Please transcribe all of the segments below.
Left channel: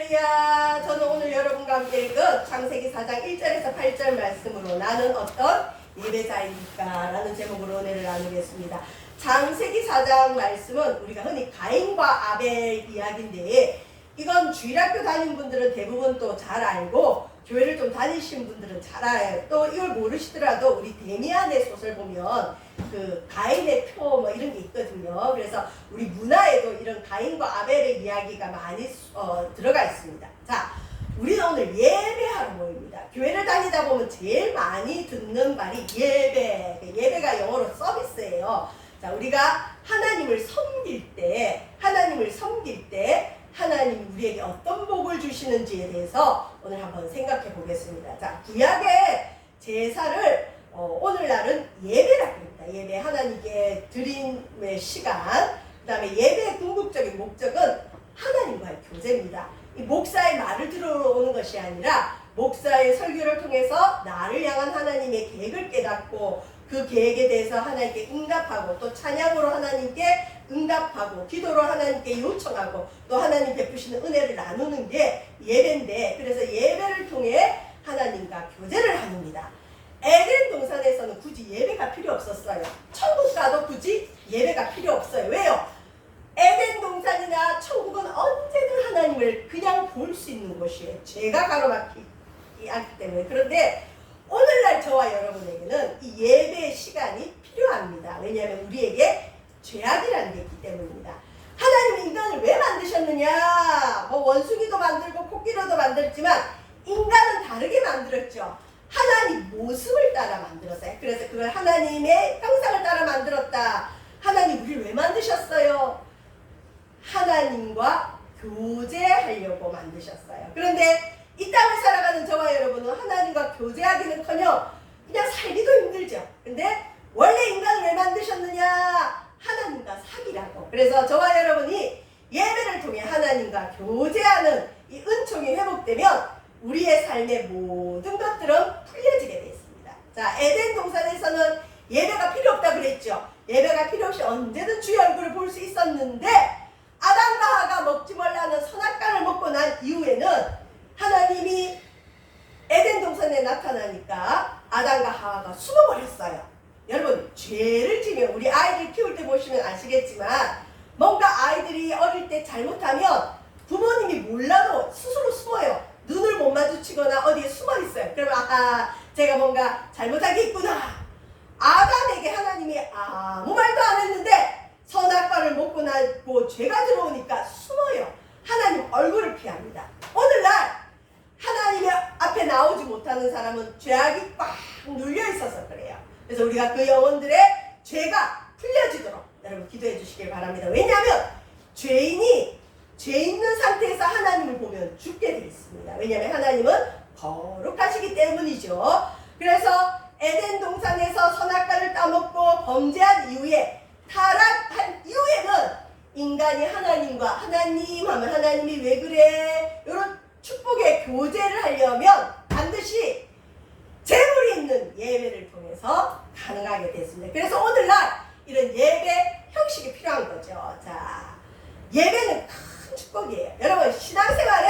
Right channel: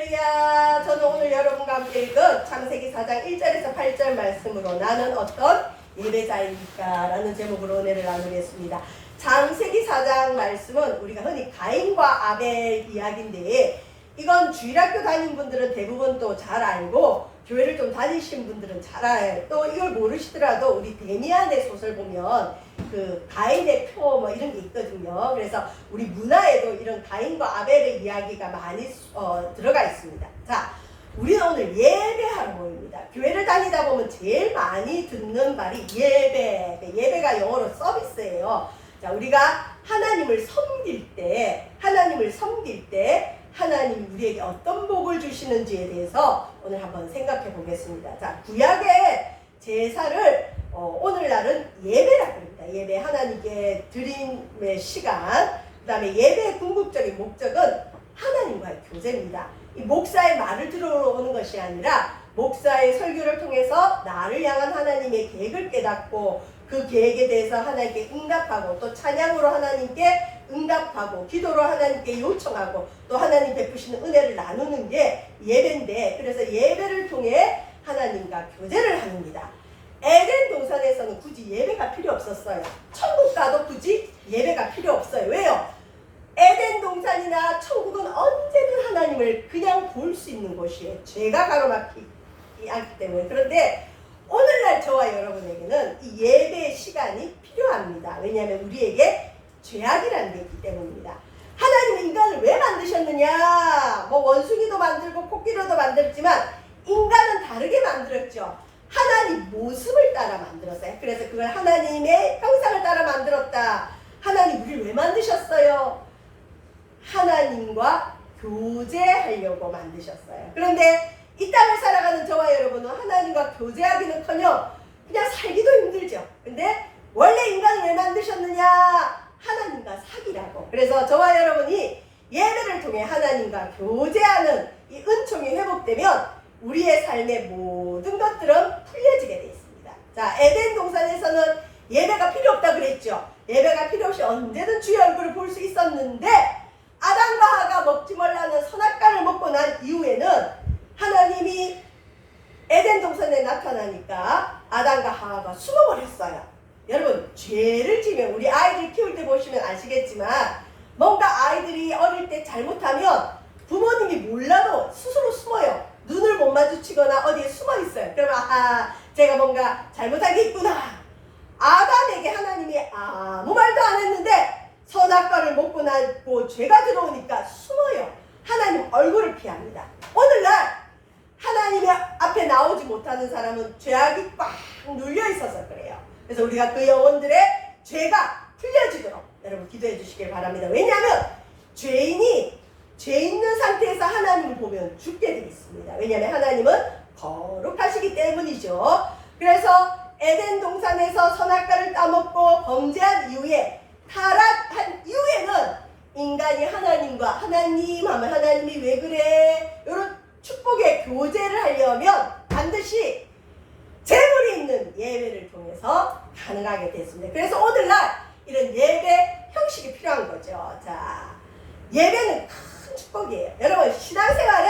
할렐루야. 저는 오늘 여러분과 함께 읽은 창세기 4장 1절에서 8절 말씀으로 나는 어떤 예배자입니까? 라는 제목으로 은혜를 나누겠습니다. 창세기 4장 말씀은 우리가 흔히 가인과 아벨 이야기인데, 이건 주일학교 다닌 분들은 대부분 또 잘 알고 교회를 좀 다니신 분들은 잘 알아요. 또 이걸 모르시더라도 우리 데미안의 소설 보면 그 가인의 표 뭐 이런 게 있거든요. 그래서 우리 문화에도 이런 가인과 아벨의 이야기가 많이 들어가 있습니다. 자, 우리는 오늘 예배하러 모입니다. 교회를 다니다 보면 제일 많이 듣는 말이 예배. 예배가 영어로 서비스예요. 자, 우리가 하나님을 섬길 때 하나님이 우리에게 어떤 복을 주시는지에 대해서 오늘 한번 생각해 보겠습니다. 자, 구약의 제사를 오늘날은 예배라고 합니다. 예배, 하나님께 드림의 시간. 그 다음에 예배의 궁극적인 목적은 하나님과의 교제입니다. 이 목사의 말을 들어오는 것이 아니라 목사의 설교를 통해서 나를 향한 하나님의 계획을 깨닫고 그 계획에 대해서 하나님께 응답하고, 또 찬양으로 하나님께 응답하고, 기도로 하나님께 요청하고, 또 하나님 베푸시는 은혜를 나누는 게 예배인데, 그래서 예배를 통해 하나님과 교제를 합니다. 에덴 동산에서는 굳이 예배가 필요 없었어요. 천국 가도 굳이 예배가 필요 없어요. 왜요? 에덴 동산이나 천국은 언제든 하나님을 그냥 볼 수 있는 곳이에요. 죄가 가로막히기 않기 때문에. 그런데 오늘날 저와 여러분에게는 이 예배의 시간이 필요합니다. 왜냐하면 우리에게 죄악이라는 게 있기 때문입니다. 하나님은 인간을 왜 만드셨느냐? 뭐 원숭이도 만들고 코끼리도 만들었지만 인간은 다르게 만들었죠. 하나님 모습을 따라 만들었어요. 그래서 그걸 하나님의 형상을 따라 만들었다. 하나님 우리를 왜 만드셨어요? 하나님과 교제하려고 만드셨어요. 그런데 이 땅을 살아가는 저와 여러분은 하나님과 교제하기는커녕 그냥 살기도 힘들죠. 근데 원래 인간을 왜 만드셨느냐? 하나님과 사귀라고. 그래서 저와 여러분이 예배를 통해 하나님과 교제하는 이 은총이 회복되면 우리의 삶의 모든 것들은 풀려지게 되어 있습니다. 자, 에덴 동산에서는 예배가 필요 없다 그랬죠. 예배가 필요 없이 언제든 주의 얼굴을 볼 수 있었는데, 아담과 하와가 먹지 말라는 선악과를 먹고 난 이후에는 하나님이 에덴 동산에 나타나니까 아담과 하와가 숨어버렸어요. 여러분, 죄를 지면 우리 아이들 키울 때 보시면 아시겠지만, 뭔가 아이들이 어릴 때 잘못하면 부모님이 몰라도 스스로 숨어요. 눈을 못 마주치거나 어디에 숨어 있어요. 그러면 아하, 제가 뭔가 잘못한 게 있구나. 아담에게 하나님이 아무 말도 안 했는데 선악과를 먹고 나고 죄가 들어오니까 숨어요. 하나님 얼굴을 피합니다. 오늘날 하나님의 앞에 나오지 못하는 사람은 죄악이 꽉 눌려 있어서 그래요. 그래서 우리가 그 영혼들의 죄가 풀려지도록 여러분 기도해 주시길 바랍니다. 왜냐하면 죄인이 죄 있는 상태에서 하나님을 보면 죽게 되어 있습니다. 왜냐하면 하나님은 거룩하시기 때문이죠. 그래서 에덴 동산에서 선악과를 따먹고 범죄한 이후에, 타락한 이후에는 인간이 하나님과, 하나님 하면 하나님이 왜 그래? 이런 축복의 교제를 하려면 반드시 재물이 있는 예배를 통해서 가능하게 됐습니다. 그래서 오늘날 이런 예배 형식이 필요한 거죠. 자, 예배는 큰 축복이에요. 여러분, 신앙생활에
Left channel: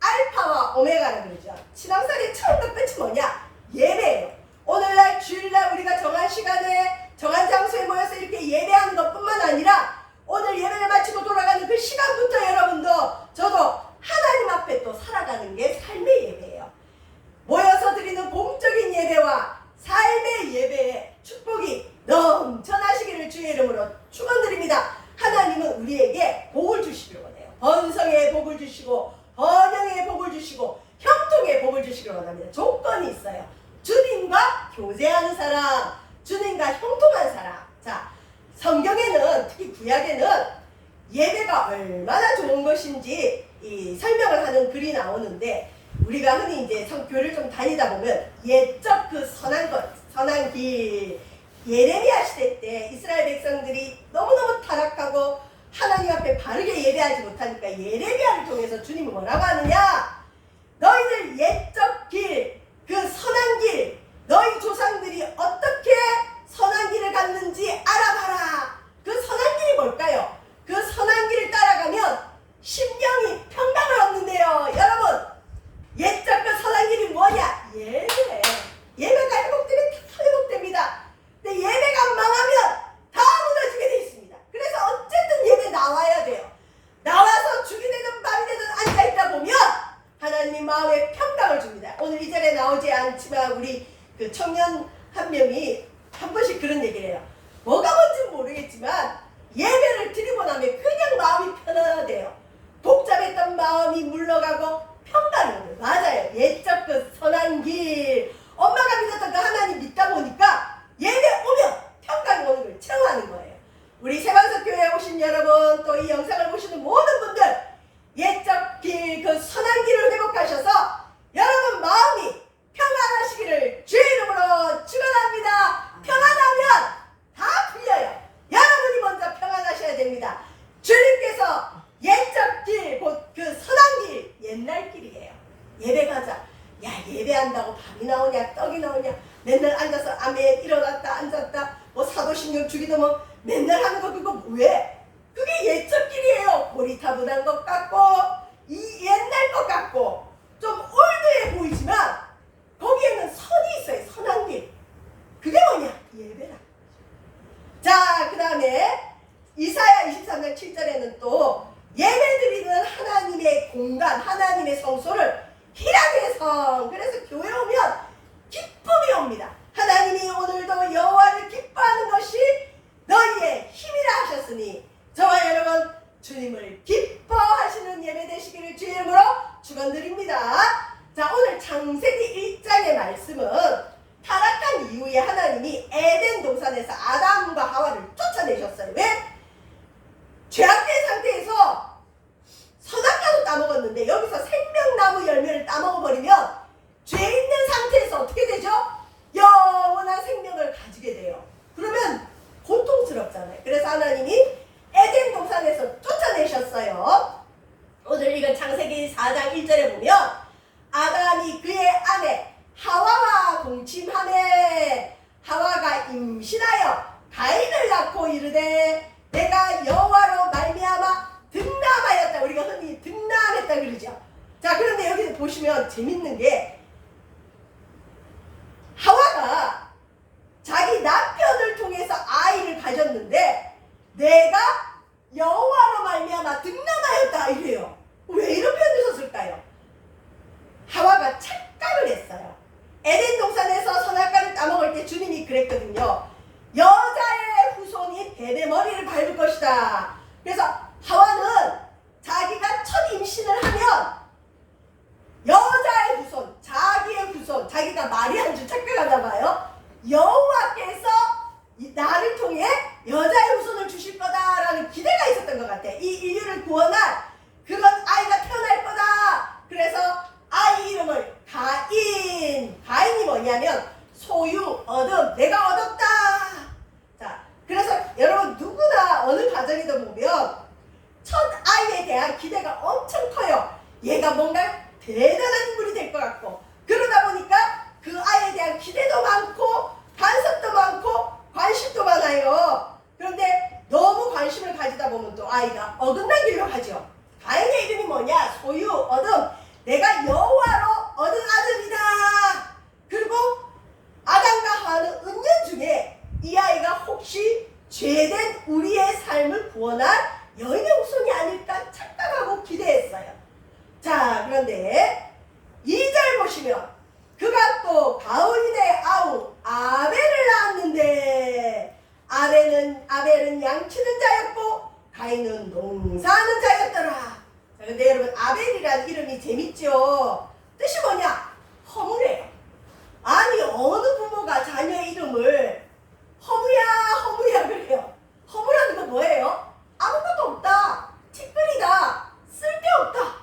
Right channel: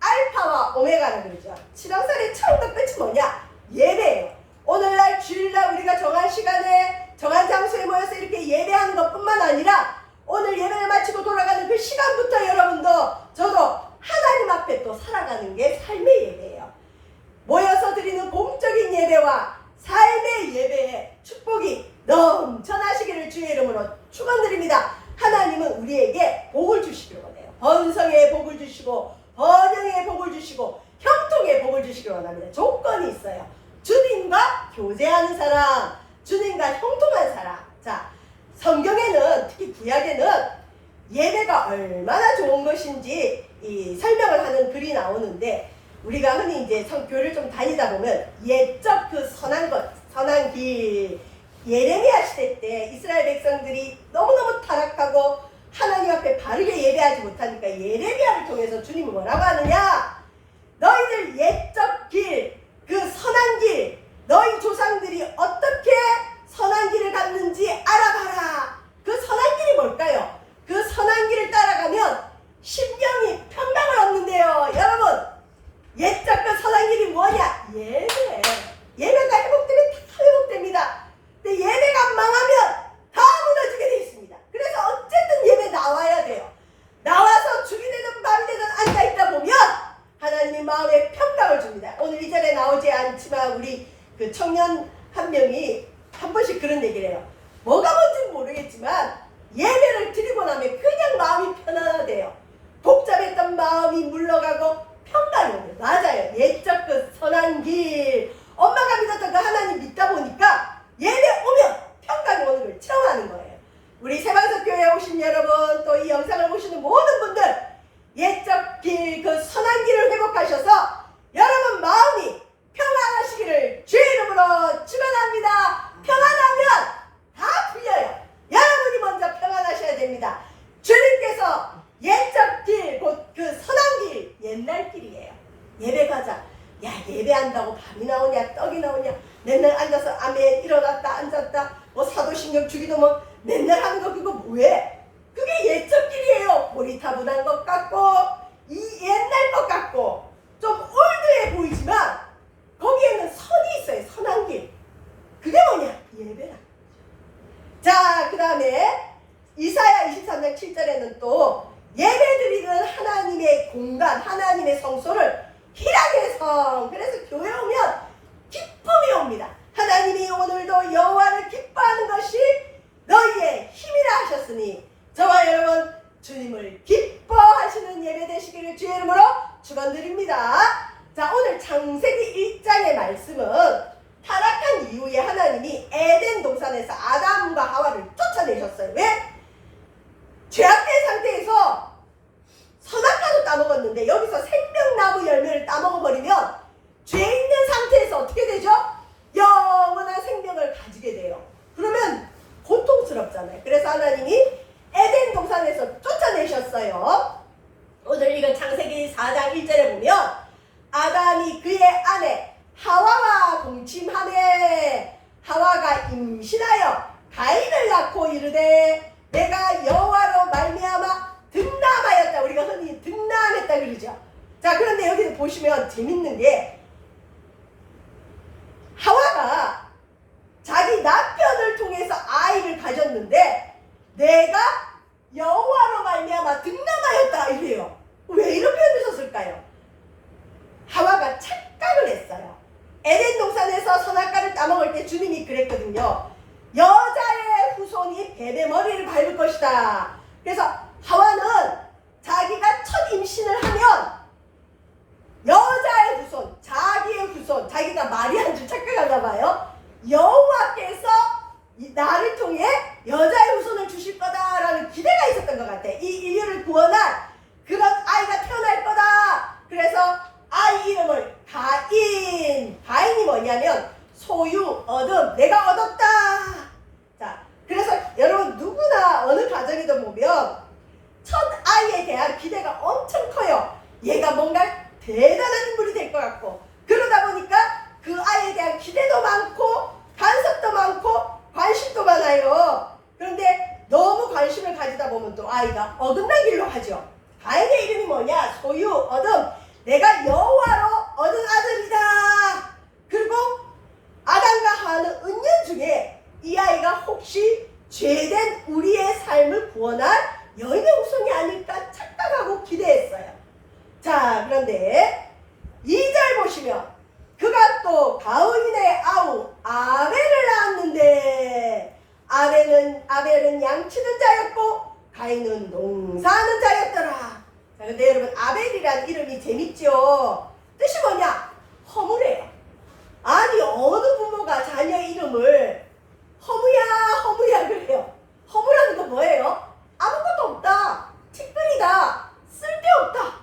알파와 오메가라 그러죠. 신앙생활의 처음과 끝이 뭐냐? 예배예요. 오늘날 주일날 우리가 정한 시간에 정한 장소에 모여서 이렇게 예배하는 것뿐만 아니라 오늘 예배를 마치고 돌아가는 그 시간부터 여러분도 저도 하나님 앞에 또 살아가는 게 삶의 예배예요. 모여서 드리는 공적인 예배와 삶의 예배에 축복이 넘쳐나시기를 주의 이름으로 축원드립니다. 하나님은 우리에게 복을 주시기를 원해요. 번성의 복을 주시고 번영의 복을 주시고 형통의 복을 주시기를 원합니다. 조건이 있어요. 주님과 교제하는 사람, 주님과 형통한 사람. 자, 성경에는, 특히 구약에는 예배가 얼마나 좋은 것인지 이 설명을 하는 글이 나오는데, 우리가 흔히 이제 교회를 좀 다니다 보면 옛적 그 선한 것, 선한 길, 예레미야 시대 때 이스라엘 백성들이 너무너무 타락하고 하나님 앞에 바르게 예배하지 못하니까 예레미야를 통해서 주님이 뭐라고 하느냐? 너희들 옛적 길, 그 선한 길, 너희 조상들이 어떻게 선한 길을 갔는지 알아봐라. 그 선한 길이 뭘까요? 그 선한 길을 따라가면 심령이 평강을 얻는데요. 하나님 마음에 평강을 줍니다. 오늘 이 자리에 나오지 않지만 우리 그 청년 한 명이 한 번씩 그런 얘기를 해요. 뭐가 뭔지는 모르겠지만 예배를 드리고 나면 그냥 마음이 편안하대요. 복잡했던 마음이 물러가고 평강이 오네요. 맞아요. 옛적 그 선한 길, 엄마가 믿었던 그 하나님 믿다 보니까 예배 오면 평강이 오는 걸 체험하는 거예요. 우리 세방석 교회에 오신 여러분, 또 이 영상을 보시는 모든 분들, 옛적 길, 그 선한 길을 회복하셔서 여러분 마음이 평안하시기를 주의 이름으로 축원합니다. 평안하면 다 풀려요. 여러분이 먼저 평안하셔야 됩니다. 주님께서 옛적 길, 곧 그 선한 길, 옛날 길이에요. 예배 가자. 야, 예배한다고 밥이 나오냐, 떡이 나오냐, 맨날 앉아서 아멘, 일어났다 앉았다, 뭐 사도신경 주기도 뭐 맨날 하는 거 그거 뭐해? 그게 옛적 길이에요. 고리타분한 것 같고 이 옛날 것 같고 좀 올드해 보이지만 거기에는 선이 있어요. 선한 길. 그게 뭐냐? 예배라. 자, 그 다음에 이사야 23장 7절에는 또 예배드리는 하나님의 공간, 하나님의 성소를 희락의 성. 그래서 교회 오면 기쁨이 옵니다. 하나님이 오늘도 여호와를 기뻐하는 것이 너희의 힘이라 하셨으니 저와 여러분 주님을 기뻐하시는 예배 되시기를 주의 이름으로 축원드립니다. 자, 오늘 창세기 1장의 말씀은 타락한 이후에 하나님이 에덴 동산에서 아담과 하와를 쫓아내셨어요. 왜? 죄악된 상태에서 선악과도 따먹었는데 여기서 생명나무 열매를 따먹어버리면 죄 있는 상태에서 어떻게 되죠? 영원한 생명을 가지게 돼요. 그러면 고통스럽잖아요. 그래서 하나님이 에덴 동산에서 쫓아내셨어요. 오늘 이건 창세기 4장 1절에 보면 아담이 그의 아내 하와와 동침하매 하와가 임신하여 가인을 낳고 이르되 내가 여호와로 말미암아 득남하였다. 우리가 흔히 득남했다 그러죠. 자, 그런데 여기 보시면 재밌는 게 하와가 자기 남편을 통해서 아이를 가졌는데 내가 여호와로 말미암아 득남하였다 이래요. 왜 이런 표현을 썼을까요? 하와가 착각을 했어요. 에덴 동산에서 선악과를 따먹을 때 주님이 그랬거든요. 여자의 후손이 뱀의 머리를 밟을 것이다. 그래서 하와는 자기가 첫 임신을 하면 여자의 후손, 자기의 후손, 자기가 마리아인 줄 착각하나 봐요. 여호와께서 나를 통해 여자의 후손을 주실 거다라는 기대가 있었던 것 같아. 이 인류를 구원할 그런 아이가 태어날 거다. 그래서 아이 이름을 가인이 뭐냐면 소유, 얻음, 내가 얻었다. 자, 그래서 여러분 누구나 어느 가정에도 보면 첫 아이에 대한 기대가 엄청 커요. 얘가 뭔가 대단한 인물이 될 것 같고 그러다 보니까 그 아이에 대한 기대도 많고 간섭도 많고 관심도 많아요. 그런데 너무 관심을 가지다 보면 또 아이가 어긋난 길로 가죠. 가인의 이름이 뭐냐? 소유, 얻음. 내가 여호와로 얻은 아들이다. 그리고 아담과 하와는 은연 중에 이 아이가 혹시 죄된 우리의 삶을 구원할 여인의 후손이 아닐까 착각하고 기대했어요. 자, 그런데 2절 보시면 그가 또 가인의 아우 아벨을 낳았는데 아벨은 양치는 자였고 가인은 농사하는 자였더라. 자, 근데 여러분 아벨이라는 이름이 재밌죠? 뜻이 뭐냐? 허무래요. 아니 어느 부모가 자녀 이름을 허무야 그래요. 허무라는 거 뭐예요? 아무것도 없다. 티끌이다. 쓸데없다.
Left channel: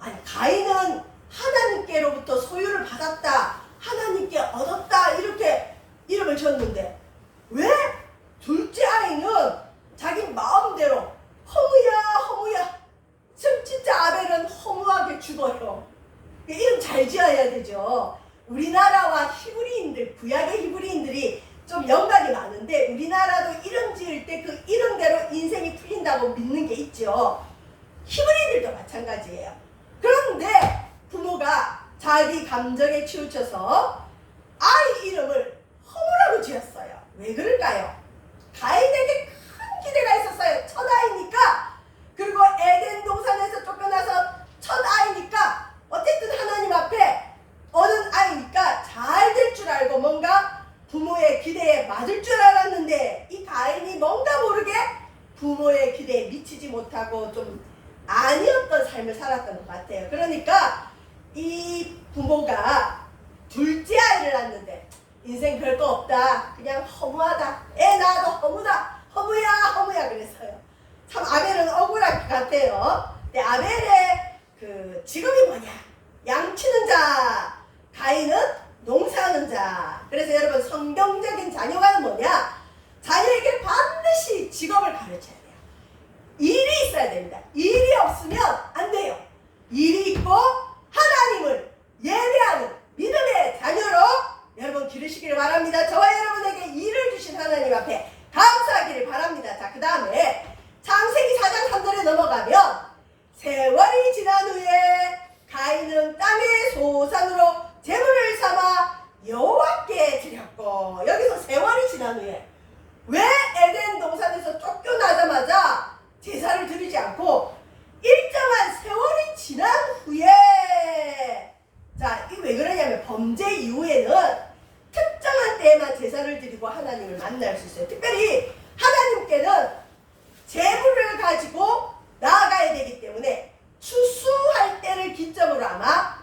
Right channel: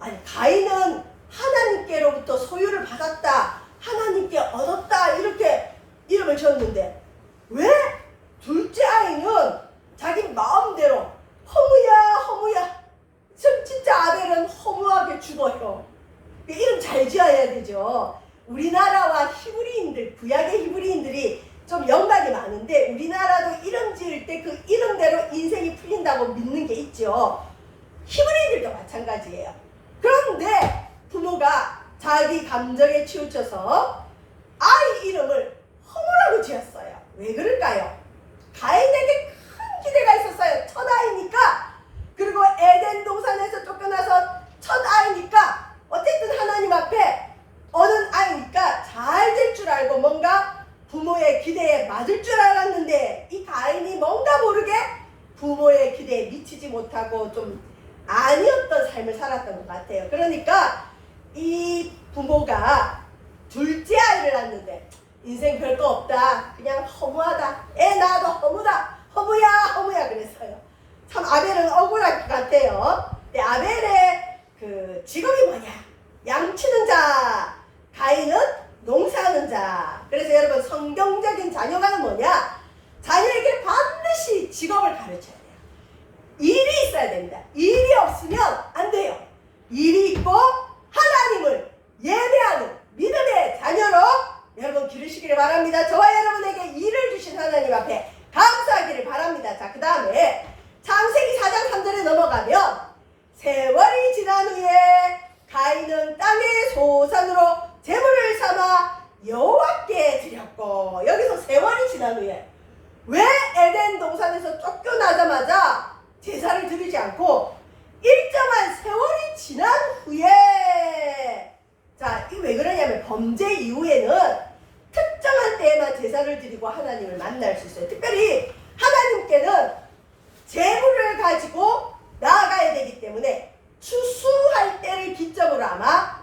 아니 가인은 하나님께로부터 소유를 받았다. 하나님께 얻었다. 이렇게 이름을 지었는데 왜 둘째 아이는 자기 마음대로 허무야 진짜 아벨은 허무하게 죽어요. 이름 잘 지어야 되죠. 우리나라와 히브리인들, 구약의 히브리인들이 좀 연관이 많은데 우리나라도 이름 지을 때 그 이름대로 인생이 풀린다고 믿는 게 있죠. 히브리인들도 마찬가지예요. 그런데 부모가 자기 감정에 치우쳐서 아이 이름을 허무라고 지었어요. 왜 그럴까요? 가인에게 큰 기대가 있었어요. 첫 아이니까. 그리고 에덴 동산에서 쫓겨나서 첫 아이니까 어쨌든 좋았던 것 같아요. 그러니까 이 부모가 둘째 아이를 낳는데 인생 별거 없다, 그냥 허무하다, 애 낳아도 허무다, 허무야 그랬어요. 참 아벨은 억울할 것 같아요. 근데 아벨의 그 직업이 뭐냐? 양치는 자, 가인은 농사하는 자. 그래서 여러분 성경적인 자녀가는 뭐냐? 자녀에게 반드시 직업을 가르쳐야 돼요. 일이 있어야 됩니다. 일이 없으면 안 돼요. 일이 있고 하나님을 예배하는 믿음의 자녀로 여러분 기르시기를 바랍니다. 저와 여러분에게 일을 주신 하나님 앞에 감사하기를 바랍니다. 자, 그 다음에 창세기 4장 3절에 넘어가면 세월이 지난 후에 가인은 땅의 소산으로 제물을 삼아 여호와께 드렸고, 여기서 세월이 지난 후에 왜 에덴 동산에서 쫓겨나자마자 제사를 드리지 않고 일정한 세월이 지난 후에, 자, 이게 왜 그러냐면 범죄 이후에는 특정한 때에만 제사를 드리고 하나님을 만날 수 있어요. 특별히 하나님께는 제물을 가지고 나아가야 되기 때문에 추수할 때를 기점으로 아마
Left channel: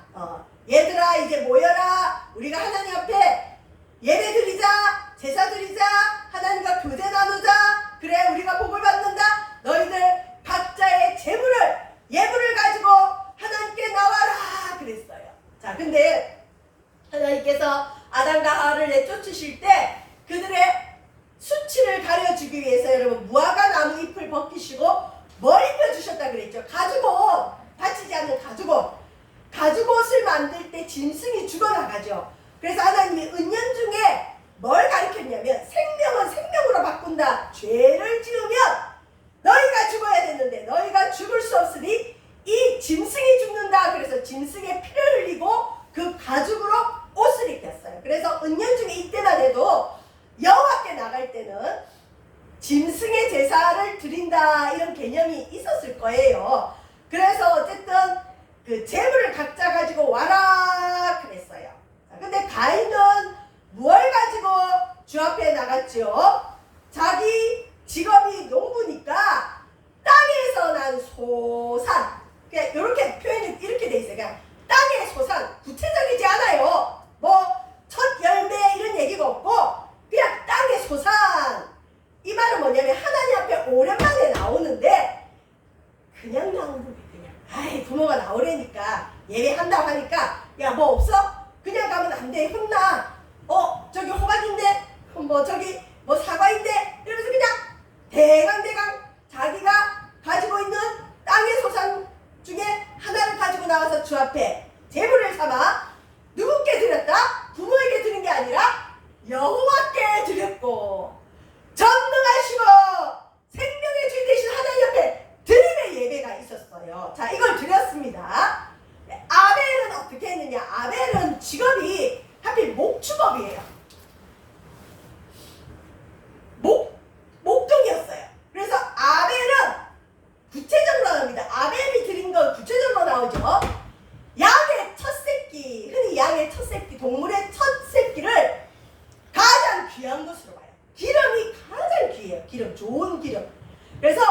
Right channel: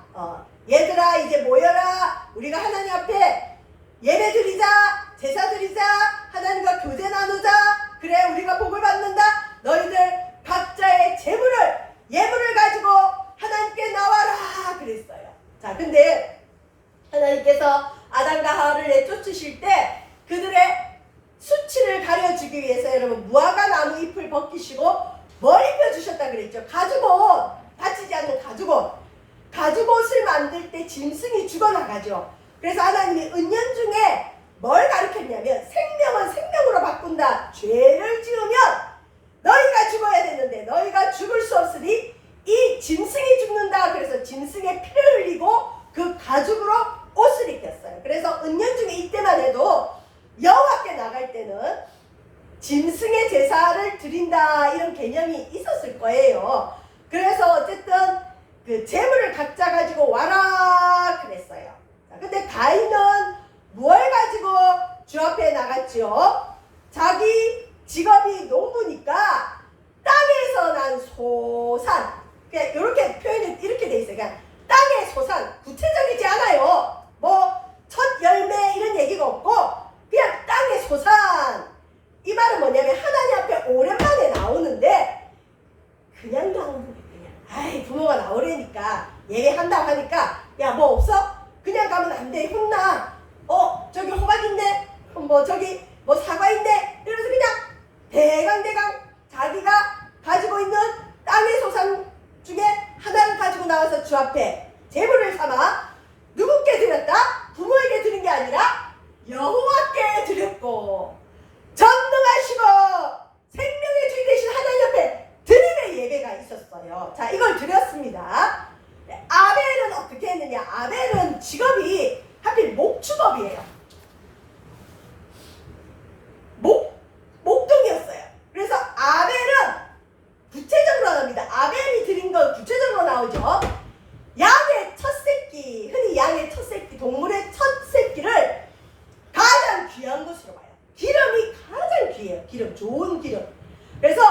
얘들아 이제 모여라, 우리가 하나님 앞에 예배 드리자, 제사 드리자, 하나님과 교제 나누자, 그래 우리가 복을 받는다, 너희들 각자의 예물을 가지고 하나님께 나와라 그랬어요. 자, 근데 하나님께서 아담과 하와를 내쫓으실 때 그들의 수치를 가려주기 위해서 여러분 무화과 나무 잎을 벗기시고 뭘 입혀주셨다 그랬죠? 가죽옷, 다치지 않는 가죽옷을 만들 때 짐승이 죽어나가죠. 그래서 하나님이 은연중에 뭘 가르쳤냐면 생명은 생명으로 바꾼다. 죄를 지으면 너희가 죽어야 되는데 너희가 죽을 수 없으니 이 짐승이 죽는다. 그래서 짐승의 피를 흘리고 그 가죽으로 옷을 입혔어요. 그래서 은연중에 이때만 해도 여호와께 나갈 때는 짐승의 제사를 드린다 이런 개념이 있었을 거예요. 그래서 어쨌든 그 제물을 각자 가지고 와라 그랬어요. 자, 근데 가인은 무엇을 가지고 주 앞에 나갔죠? 자기 직업이 농부니까 땅에서 난 소산, 그냥 이렇게 표현이 이렇게 돼 있어요. 그냥 땅의 소산, 구체적이지 않아요. 뭐 첫 열매 이런 얘기가 없고 그냥 땅의 소산. 이 말은 뭐냐면 하나님 앞에 오랜만에 나오는데 그냥 나오는 게 그냥 아이 부모가 나오려니까 예배한다고 하니까 야 뭐 없어? 그냥 가면 안 돼, 혼나. 저기 호박인데 저기 사과인데 이러면서 그냥 대강 자기가 가지고 있는 땅의 소산 중에 하나를 가지고 나와서 주 앞에 제물을 삼아 누구께 드렸다? 부모에게 드린 게 아니라 여호와께 드렸고, 전능하시고 생명의 주인 되신 하나님 옆에 드림의 예배가 있었어요. 자, 이걸 드렸습니다. 아벨은 어떻게 했느냐? 아벨은 직업이 하필 목축업이에요. 목동이었어요. 그래서 아벨은 구체적으로 나옵니다. 아벨이 드린 건 구체적으로 나오죠. 양의 첫 새끼, 흔히 양의 첫 새끼, 동물의 첫 새끼를 가장 귀한 것으로 봐요. 기름이 가장 귀해요. 기름, 좋은 기름. 그래서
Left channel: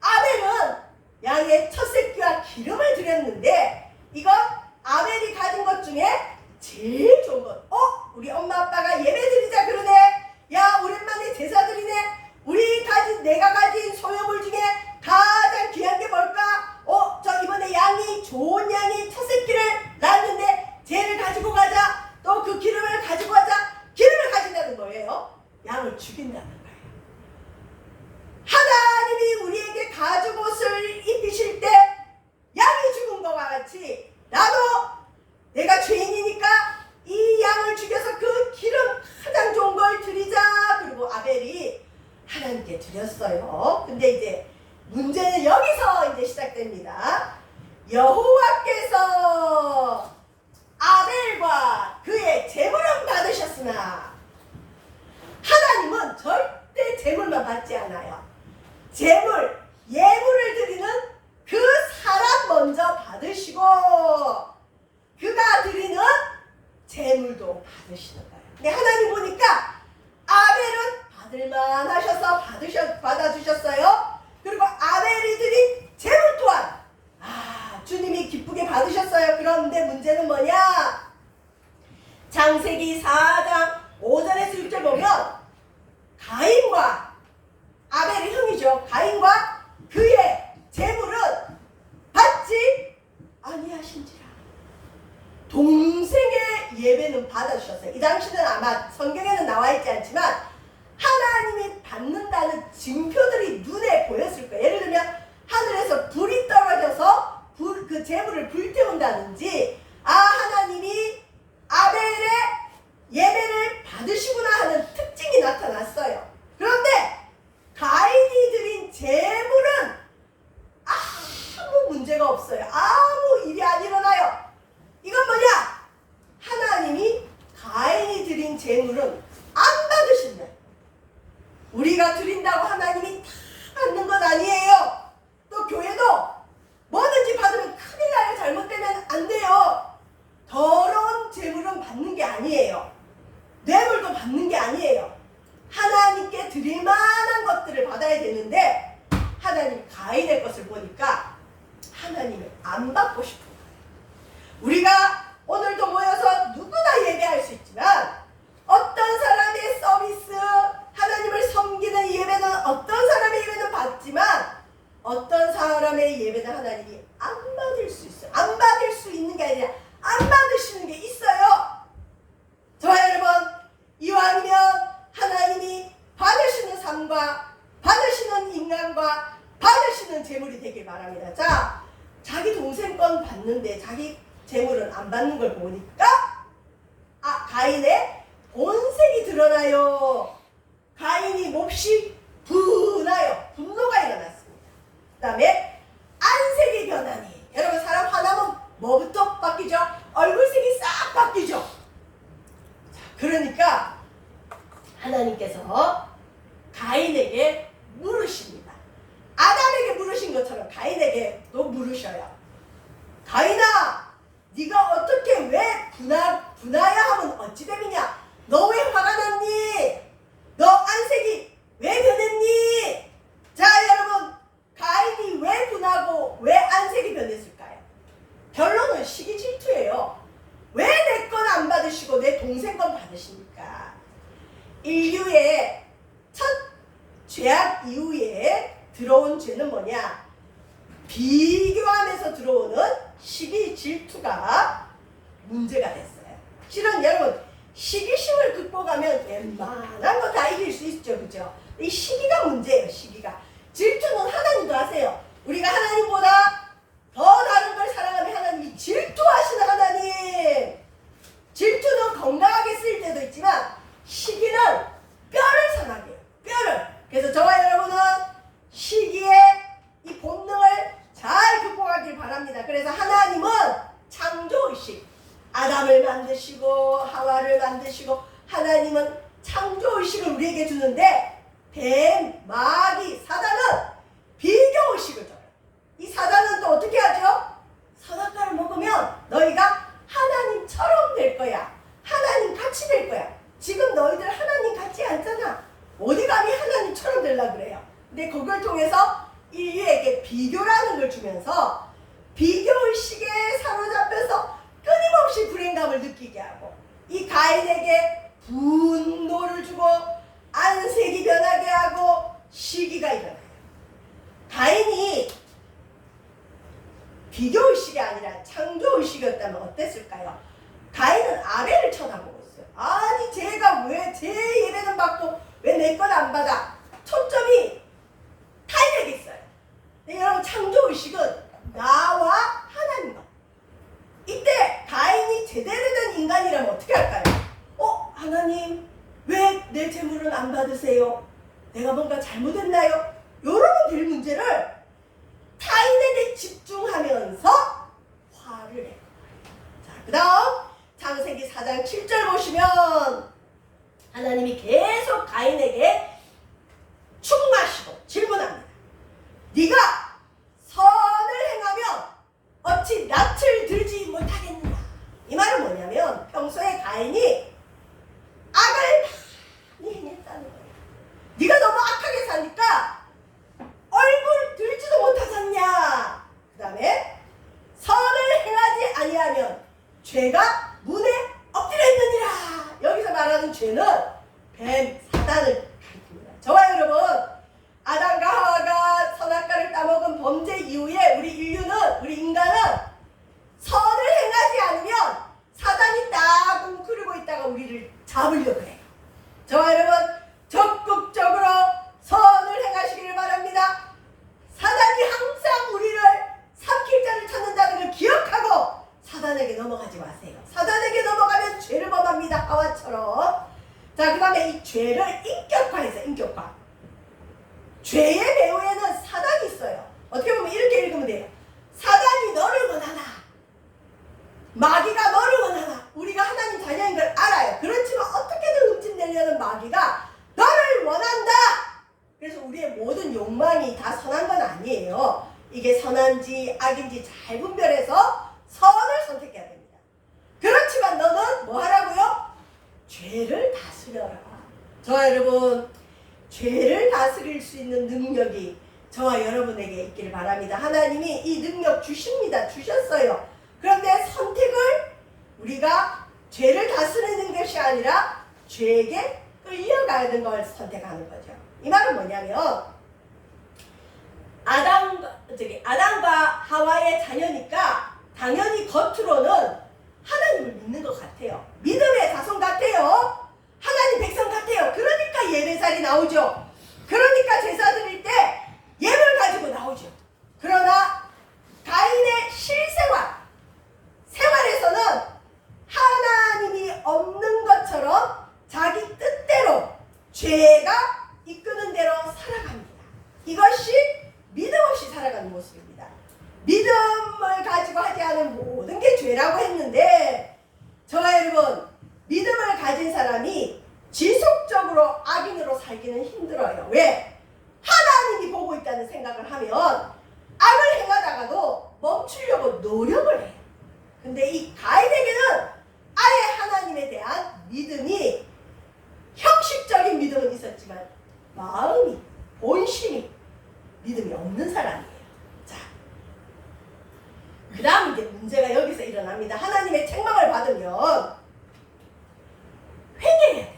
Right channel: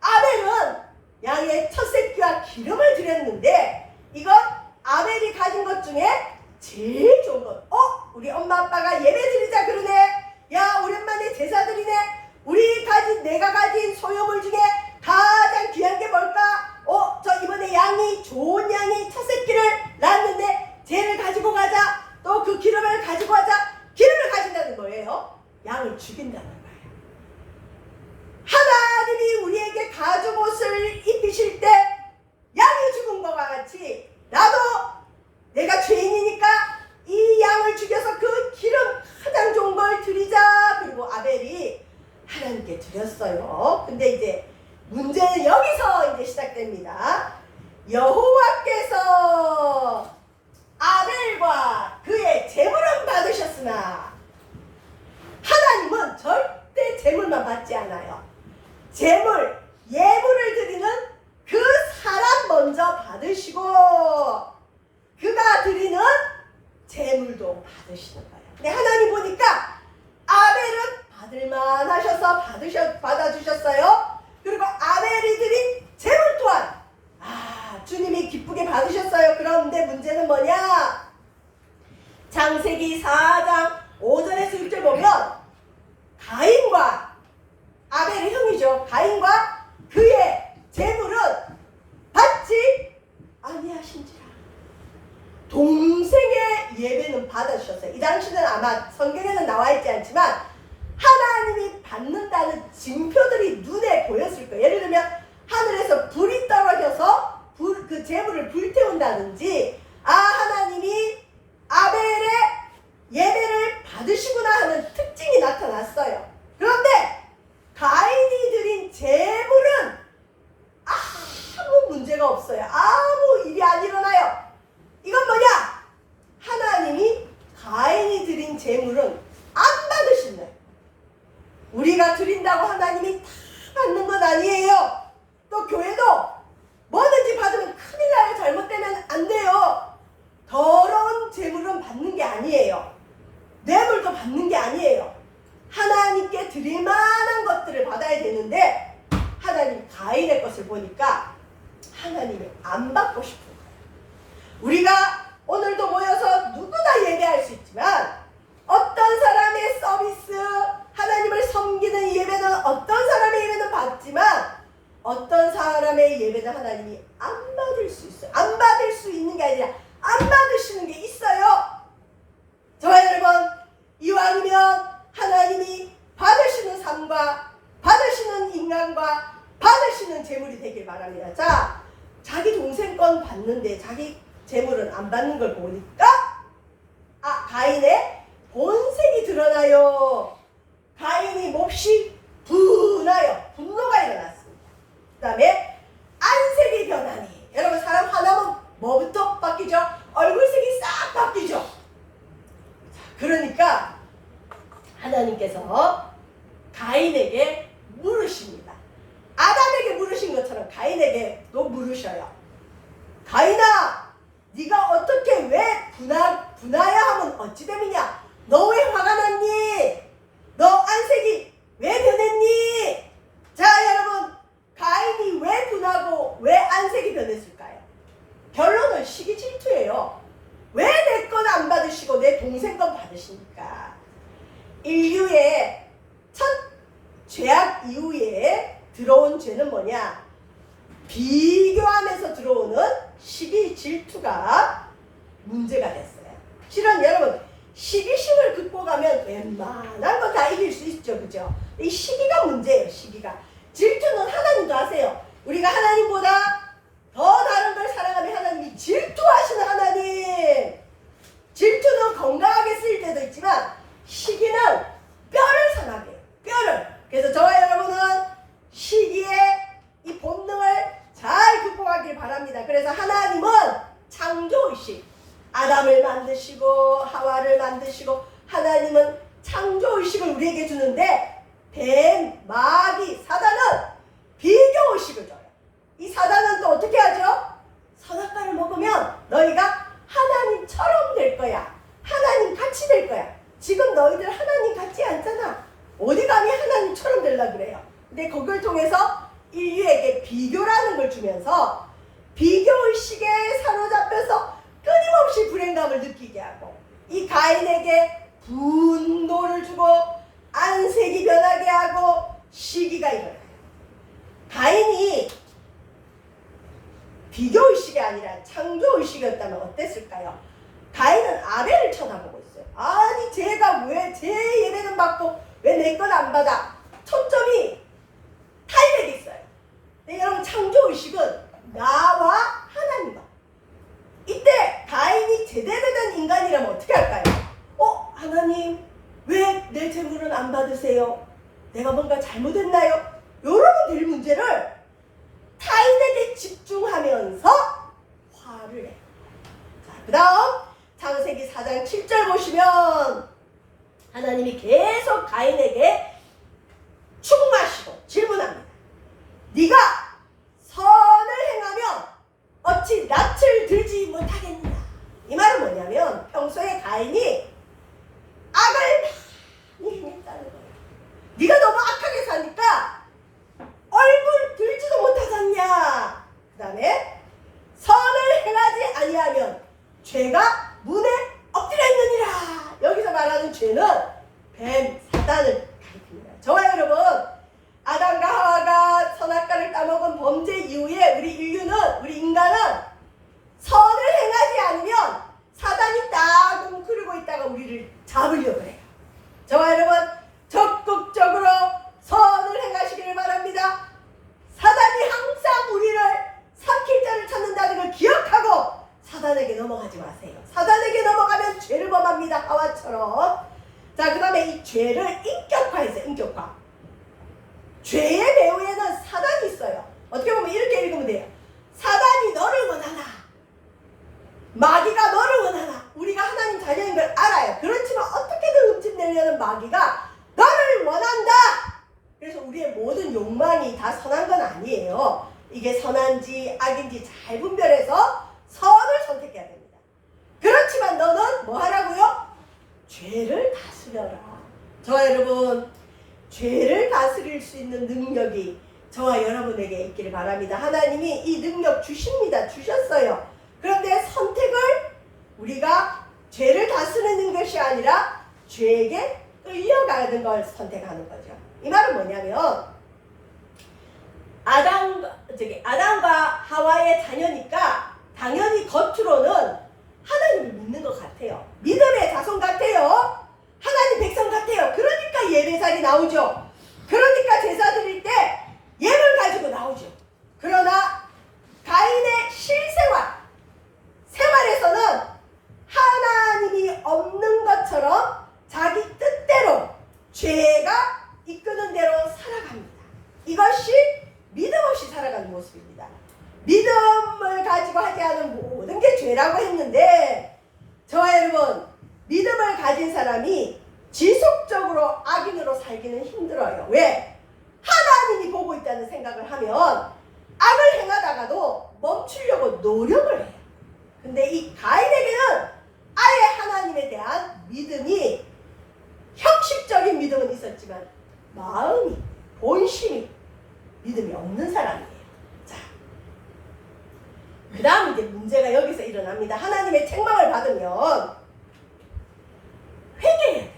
아벨은 양의 첫 새끼와 기름을 드렸는데 이건 아벨이 가진 것 중에 제일 좋은 것. 우리 엄마 아빠가 예배 드리자 그러네. 야, 오랜만에 제사 드리네. 내가 가진 소유물 중에 가장 귀한 게 뭘까? 저 이번에 좋은 양이 첫 새끼를 낳았는데 쟤를 가지고 가자. 또 그 기름을 가지고 가자. 기름을 가진다는 거예요. 양을 죽인다는 거예요. 하나님이 우리에게 가죽옷을 입히실 때 양이 죽은 것과 같이 나도 내가 죄인이니까 이 양을 죽여서 그 기름 가장 좋은 걸 드리자. 그리고 아벨이 하나님께 드렸어요. 근데 이제 문제는 여기서 이제 시작됩니다. 여호와께서 아벨과 그의 제물은 받으셨으나 하나님은 절대 제물만 받지 않아요. 예물을 드리는 그 사람 먼저 받으시고 그가 드리는 제물도 받으시는 거예요. 근데 하나님 보니까 아벨은 받을만 하셔서 받아주셨어요. 그리고 아벨이 드린 제물 또한 주님이 기쁘게 받으셨어요. 그런데 문제는 뭐냐? 창세기 4장 5절에서 6절 보면 가인과 아벨의 형이죠. 가인과 그의 재물은 받지 아니하신지라. 동생의 예배는 받아주셨어요. 이 당시는 아마 성경에는 나와 있지 않지만 하나님이 받는다는 징표들이 눈에 보였을 거예요. 예를 들면 하늘에서 불이 떨어져서 그 재물을 불태운다든지, 하나님이 아벨의 예배를 받으시구나 하는 특징이 나타났어요. 그런데 가인이 드린 재물은 아무 문제가 없어요. 아무 일이 안 일어나요. 이건 뭐냐? 하나님이 가인이 드린 재물은 안 받으신다. 우리가 드린다고 하나님이 다 받는 건 아니에요. 또 교회도 뭐든지 받으면 큰일 나요. 잘못되면 안 돼요. 더러운 재물은 받는 게 아니에요. 뇌물도 받는 게 아니에요. 하나님께 드릴 만한 것들을 받아야 되는데 하나님 가인의 것을 보니까 하나님이 안 받고 싶은 거예요. 우리가 오늘도 모여서 누구나 예배할 수 있지만 어떤 사람의 서비스, 하나님을 섬기는 예배는 어떤 사람의 예배는 받지만 어떤 사람의 예배는 하나님이 안 받을 수 있어요. 안 받을 수 있는 게 아니라 안 받으시는 게 있어요. 저와 여러분, 이왕이면 하나님이 받으시는 삶과 받으시는 인간과 받으시는 재물이 되길 바랍니다. 자, 자기 동생 건 받는데 자기 재물은 안 받는 걸 보니까 가인의 본색이 드러나요. 가인이 몹시 분하여 분노가 일어났습니다. 그 다음에 안색이 변하니, 여러분 사람 화나면 뭐부터 바뀌죠? 얼굴색이 싹 바뀌죠. 자, 그러니까 하나님께서 가인에게 물으십니다. 아담에게 물으신 것처럼 가인에게도 물으셔요. 가인아, 네가 어떻게 왜 분하야 하면 어찌 됨이냐? 너 왜 화가 났니? 너 안색이 왜 변했니? 자, 여러분, 가인이 왜 분하고 왜 안색이 변했을까요? 결론은 시기 질투예요. 왜 내 건 안 받으시고 내 동생 건 받으십니까? 인류의 첫 죄악 이후에 들어온 죄는 뭐냐? 비교하면서 들어오는 시기 질투가 문제가 됐어요. 실은 여러분, 시기심을 극복하면 웬만한 거 다 이길 수 있죠. 그죠? 이 시기가 문제예요. 시기가. 질투는 하나님도 하세요. 우리가 하나님보다 더 다른 걸 사랑하면 하나님이 질투하시는 하나님. 질투는 건강하게 쓰일 때도 있지만 시기는 뼈를 상하게 해요. 뼈를. 그래서 저와 여러분은 시기의 이 본능을 잘 극복하길 바랍니다. 그래서 하나님은 창조의식, 아담을 만드시고 하와를 만드시고 하나님은 창조의식을 우리에게 주는데 뱀, 마귀, 사단은 비교의식을 줘요. 이 사단은 또 어떻게 하죠? 선악과를 먹으면 너희가 하나님처럼 될 거야. 하나님 같이 될 거야. 지금 너희들 하나님 같지 않잖아. 어디 감히 하나님처럼 되려고 그래요. 근데 그걸 통해서 인류에게 비교라는 걸 주면서 비교의식에 사로잡혀서 끊임없이 불행감을 느끼게 하고 이 가인에게 분노를 주고 안색이 변하게 하고 시기가 일어나요. 가인이 비교의식이 아니라 창조의식이었다면 어땠을까요? 가인은 아벨을 쳐다보고 있어요. 아니 제가 왜 제 예배는 받고 왜 내 건 안 받아? 초점이 타인에게 있어요. 네, 여러분 창조의식은 나와 하나님과. 이때 가인이 제대로 된 인간이라면 어떻게 할까요? 하나님 왜 내 재물은 안 받으세요? 내가 뭔가 잘못했나요? 여러분 될 문제를 타인에게 집중하면서 화를 해요. 자, 그 다음 창세기 4장 7절 보시면 하나님이 계속 가인에게 충마시고 질문합니다. 네가 선을 행하면 어찌 낯을 들지 못하겠느냐? 이 말은 뭐냐면 평소에 가인이 악을 많이 행했다는 거예요. 네가 너무 악하게 사니까 얼굴 들지도 못하잖냐? 그 다음에 죄가 문에 엎드려 있느니라. 여기서 말하는 죄는 뱀, 사단을 가리킵니다. 저와 여러분, 아담과 하와가 선악과를 따먹은 범죄 이후에 우리 인간은 선을 행하지 않으면 사단이 딱 웅크리고 있다가 우리를 잡으려고 해요. 저와 여러분, 적극적으로 선을 행하시기를 바랍니다. 사단이 항상 우리를 삼킬 자를 찾는다는 걸 기억하고 사단에게 넘어가지 마세요. 사단에게 넘어가면 죄를 범합니다. 하와처럼. 자, 그 다음에 이 죄를 인격화해서 인격화. 죄의 배후에는 사단이 있어요. 어떻게 보면 이렇게 읽으면 돼요. 사단이 너를 원하나, 마귀가 너를 원하나. 우리가 하나님 자녀인 걸 알아요. 그렇지만 어떻게든 흠집내려는 마귀가 너를 원한다. 그래서 우리의 모든 욕망이 다 선한 건 아니에요. 이게 선한지 악인지 잘 분별해서 선을 선택해야 됩니다. 그렇지만 너는 뭐 하라고요? 죄를 다스려라. 저와 여러분, 죄를 다스릴 수 있는 능력이 저와 여러분에게 있기를 바랍니다. 하나님이 이 능력 주십니다. 주셨어요. 그런데 선택을 우리가 죄를 다스리는 것이 아니라 죄에게 끌려가는 걸 선택하는 거죠. 이 말은 뭐냐면 아담과 하와의 자녀니까 당연히 겉으로는 하나님을 믿는 것 같아요. 믿음의 자손 같아요. 하나님 백성 같아요. 그러니까 예배자리 나오죠. 그러니까 제사 드릴 때 예물 가지고 나오죠. 그러나 가인의 생활에서는 하나님이 없는 것처럼 자기 뜻대로 죄가 이끄는 대로 살아갑니다. 이것이 믿음 없이 살아가는 모습입니다. 믿음을 가지고 하지 않은 모든 게 죄라고 했는데 저와 여러분, 믿음을 가진 사람이 지속적으로 악인으로 살기는 힘들어요. 왜? 하나님이 보고 있다는 생각을 하면 악을 행하다가도 멈추려고 노력을 해요. 근데 이 가인에게는 아예 하나님에 대한 믿음이, 형식적인 믿음은 있었지만 마음이, 본심이 믿음이 없는 사람이에요. 자, 그 다음 이제 문제가 여기서 일어납니다. 하나님의 책망을 받으면 회개해야 돼요.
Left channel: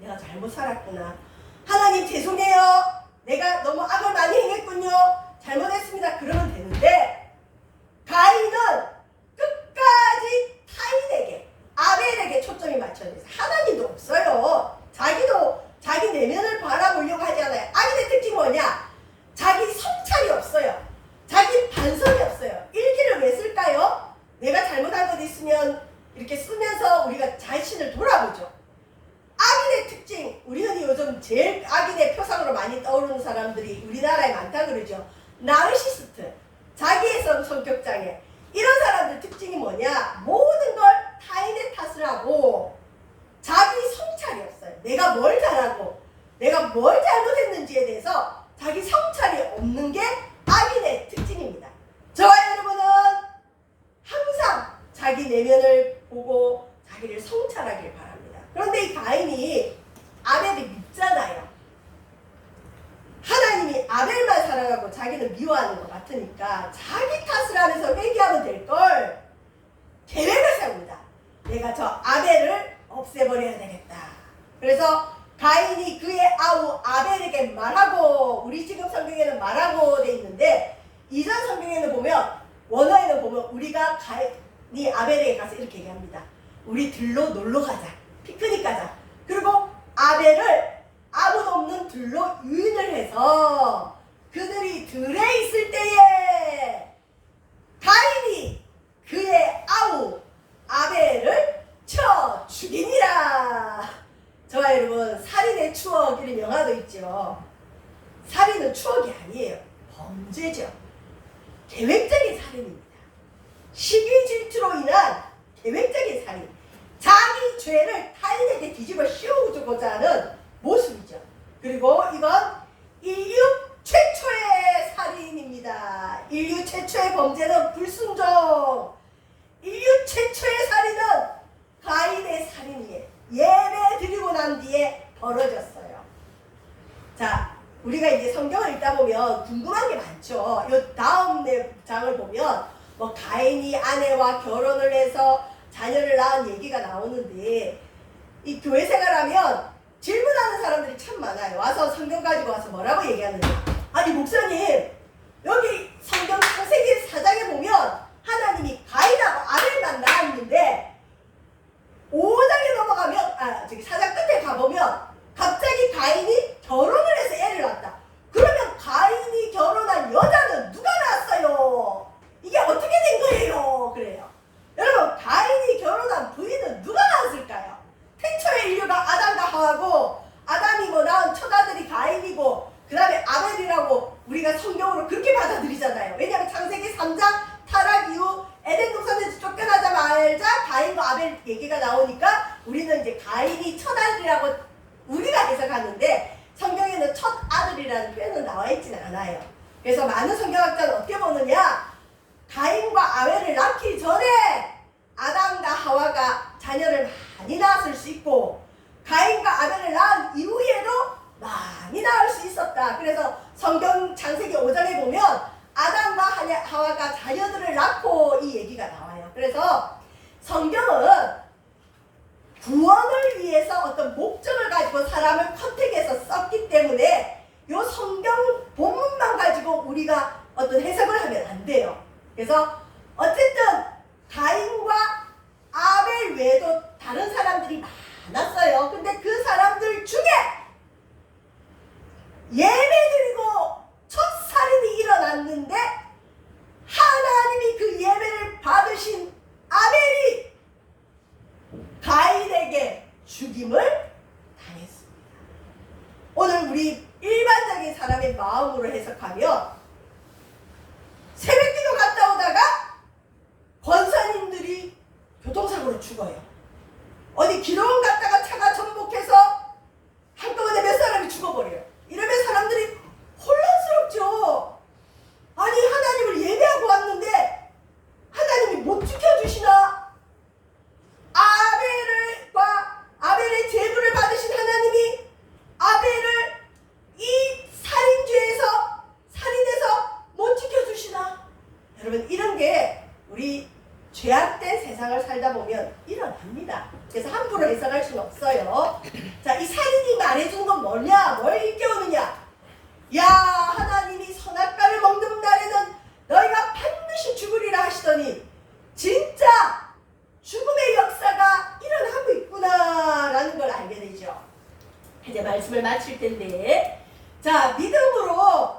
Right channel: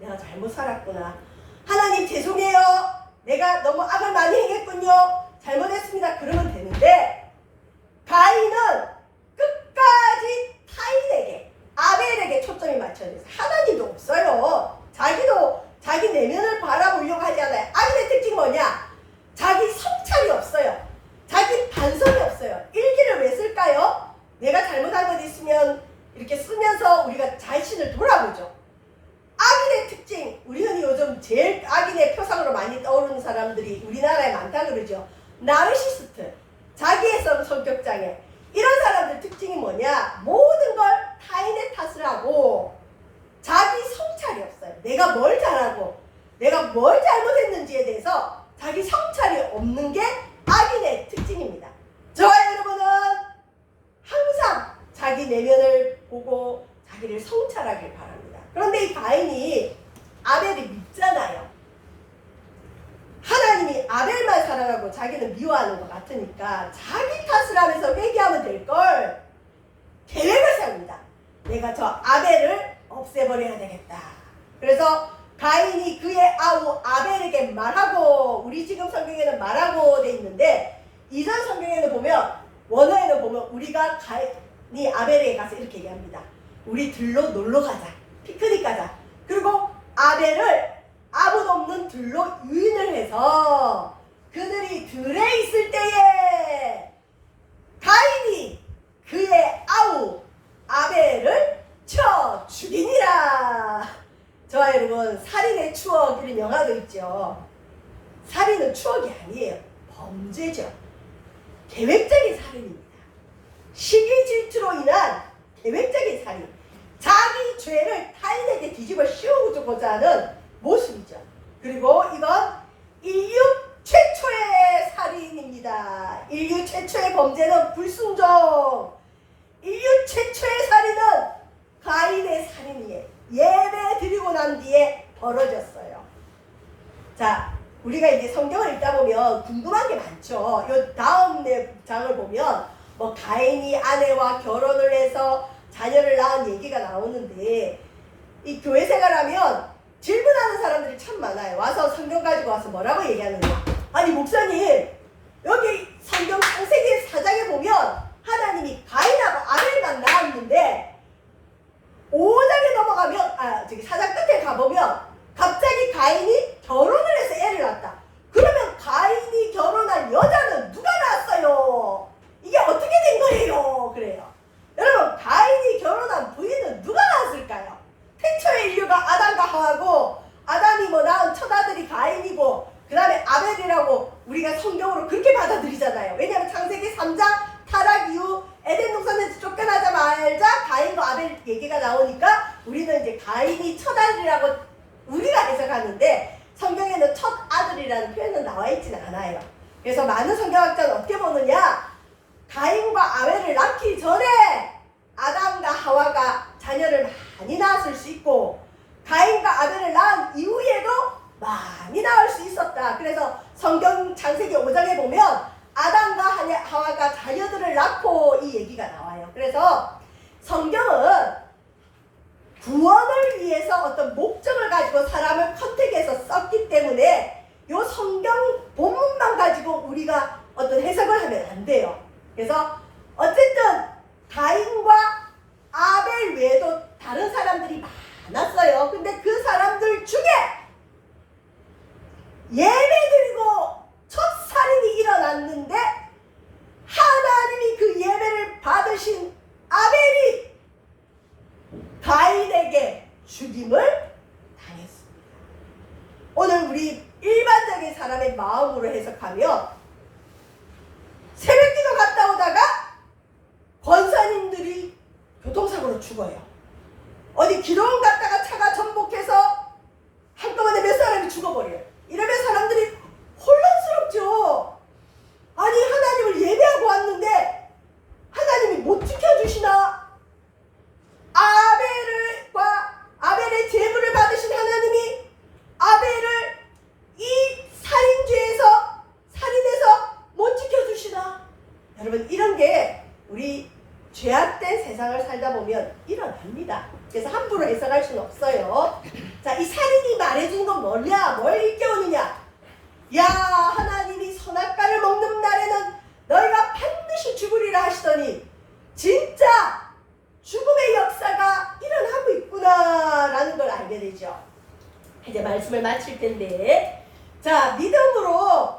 내가 잘못 살았구나. 하나님 죄송해요. 내가 너무 악을 많이 행했군요. 잘못했습니다. 그러면 되는데 가인은 끝까지 타인에게, 아벨에게 초점이 맞춰져 있어요. 하나님도 없어요. 자기도 자기 내면을 바라보려고 하지 않아요. 악인의 특징이 뭐냐? 자기 성찰이 없어요. 자기 반성이 없어요. 일기를 왜 쓸까요? 내가 잘못한 것 있으면 이렇게 쓰면서 우리가 자신을 돌아보죠. 악인의 특징, 우리 흔히 요즘 제일 악인의 표상으로 많이 떠오르는 사람들이 우리나라에 많다 그러죠. 나르시스트, 자기의 성격장애. 이런 사람들 특징이 뭐냐? 모든 걸 타인의 탓을 하고 자기 성찰이 없어요. 내가 뭘 잘하고 내가 뭘 잘못했는지에 대해서 자기 성찰이 없는 게 악인의 특징입니다. 저와 여러분은 항상 자기 내면을 보고 자기를 성찰하길 바랍니다. 그런데 이 가인이 아벨을 믿잖아요. 하나님이 아벨만 사랑하고 자기는 미워하는 것 같으니까 자기 탓을 하면서 회개하면 될 걸 계획을 세웁니다. 내가 저 아벨을 없애버려야 되겠다. 그래서 가인이 그의 아우 아벨에게 말하고, 우리 지금 성경에는 말하고 돼 있는데 이전 성경에는 보면, 원어에는 보면 우리가 가인이 아벨에게 가서 이렇게 얘기합니다. 우리 들로 놀러 가자. 피크닉 가자. 그리고 아벨을 아무도 없는 들로 유인을 해서 그들이 들에 있을 때에 가인이 그의 아우 아벨을 쳐 죽이니라. 저와 여러분, 살인의 추억, 이런 영화도 있죠. 살인은 추억이 아니에요. 범죄죠. 계획적인 살인입니다. 시기 질투로 인한 계획적인 살인. 자기 죄를 타인에게 뒤집어 씌우고자 하는 모습이죠. 그리고 이건 인류 최초의 살인입니다. 인류 최초의 범죄는 불순종. 인류 최초의 살인은 가인의 살인이에요. 예배 드리고 난 뒤에 벌어졌어요. 자, 우리가 이제 성경을 읽다 보면 궁금한 게 많죠. 이 다음 장을 보면 뭐 가인이 아내와 결혼을 해서 자녀를 낳은 얘기가 나오는데 이 교회 생활하면 질문하는 사람들이 참 많아요. 와서 성경 가지고 와서 뭐라고 얘기하느냐. 아니 목사님 여기 성경 창세기 4장에 보면 하나님이 가인하고 아벨만 낳았는데 5장에 넘어가면 저기 4장 끝에 가보면 갑자기 가인이 결혼을 해서 애를 낳았다. 그러면 가인이 결혼한 여자는 누가 낳았어요? 이게 어떻게 된 거예요? 그래요. 여러분 가인이 결혼한 부인은 누가 낳았을까요? 태초의 인류가 아담과 하와고 아담이 뭐 낳은 첫 아들이 가인이고 그 다음에 아벨이라고 우리가 성경으로 그렇게 받아들이잖아요. 왜냐하면 창세기 3장 타락 이후 에덴 동산에서 쫓겨나자마자 가인과 아벨 얘기가 나오니까 우리는 이제 가인이 첫 아들이라고 우리가 해석하는데 성경에는 첫 아들이라는 표현은 나와 있지는 않아요. 그래서 많은 성경학자는 어떻게 보느냐, 가인과 아벨을 낳기 전에 아담과 하와가 자녀를 많이 낳았을 수 있고 가인과 아벨을 낳은 이후에도 많이 낳을 수 있었다. 그래서 성경 창세기 5장에 보면 아담과 하와가 자녀들을 낳고 이 얘기가 나와요. 그래서 성경은 구원을 위해서 어떤 목적을 가지고 사람을 컨택해서 썼기 때문에 이 성경 본문만 가지고 우리가 어떤 해석을 하면 안 돼요. 그래서 어쨌든 가인과 아벨 외에도 다른 사람들이 많았어요. 근데 그 사람들 중에 예배드리고 첫 살인이 일어났는데 하나님이 그 예배를 받으신 아벨이 가인에게 죽임을 당했습니다. 오늘 우리 일반적인 사람의 마음으로 해석하면 새벽기도 갔다 오다가 권사님들이 교통사고로 죽어요. 어디 기도원 갔다가 차가 전복해서 한꺼번에 몇 사람이 죽어버려요. 이러면 사람들이 혼란스럽죠. 아니 하나님을 예배하고 왔는데 하나님이 못 지켜주시나? 아벨의 제물을 받으신 하나님이 아벨을 이 살인해서 못 지켜주시나? 여러분 이런 게 우리 죄악된 세상을 살다 보면 일어납니다. 그래서 함부로 해석할 수는 없어요. 자, 이 살인이 말해주는 건 뭐냐? 뭘 일깨우느냐? 야, 하나님이 선악과를 먹는 날에는 너희가 반드시 죽으리라 하시더니 진짜 죽음의 역사가 일어나고 있구나라는 걸 알게 되죠. 이제 말씀을 마칠 텐데, 자, 믿음으로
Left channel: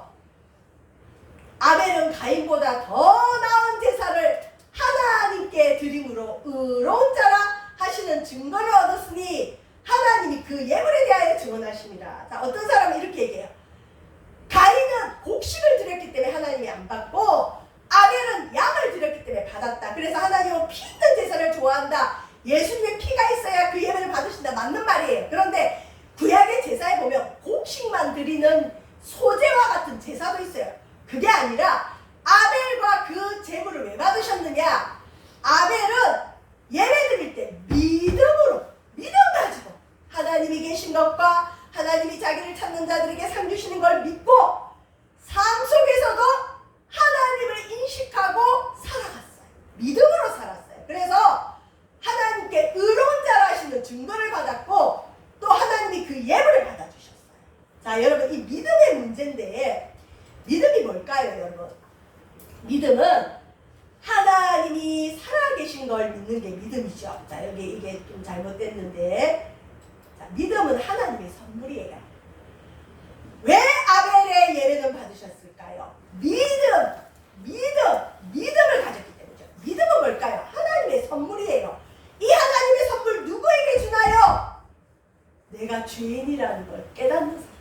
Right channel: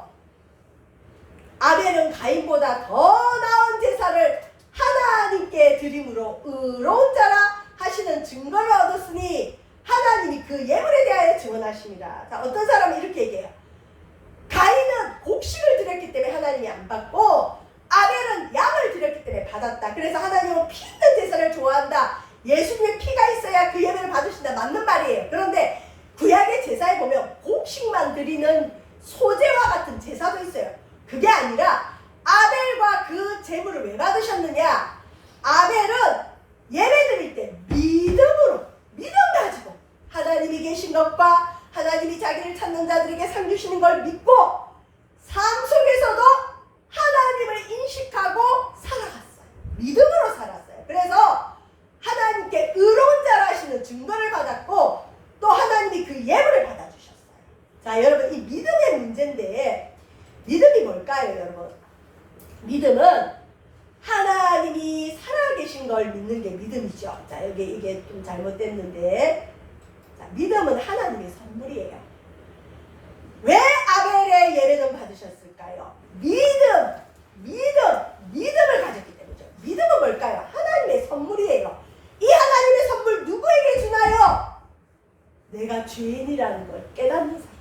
아벨은 가인보다 더 나은 제사를 하나님께 드림으로 의로운 자라 하시는 증거를 얻었으니 하나님이 그 예물에 대하여 증언하십니다. 자, 어떤 사람은 이렇게 얘기해요. 가인은 곡식을 드렸기 때문에 하나님이 안 받고 아벨은 양을 드렸기 때문에 받았다. 그래서 하나님은 피 있는 제사를 좋아한다. 예수님의 피가 있어야 그 예배를 받으신다. 맞는 말이에요. 그런데 구약의 제사에 보면 곡식만 드리는 소제와 같은 제사도 있어요. 그게 아니라 아벨과 그 제물을 왜 받으셨느냐? 아벨은 예배 드릴 때 믿음 가지고 하나님이 계신 것과 하나님이 자기를 찾는 자들에게 상 주시는 걸 믿고 삶 속에서도 하나님을 인식하고 살아갔어요. 믿음으로 살았어요. 그래서 하나님께 의로운 자라 하시는 증거를 받았고 또 하나님이 그 예물을 받아주셨어요. 자, 여러분 이 믿음의 문제인데 믿음이 뭘까요, 여러분? 믿음은 하나님이 살아계신 걸 믿는 게 믿음이죠. 자, 여기 이게 좀 잘못됐는데, 자, 믿음은 하나님의 선물이에요. 왜 아벨의 예배는 받으셨을까요? 믿음을 가졌기 때문이죠. 믿음은 뭘까요? 하나님의 선물이에요. 이 하나님의 선물 누구에게 주나요? 내가 죄인이라는 걸 깨닫는 사람.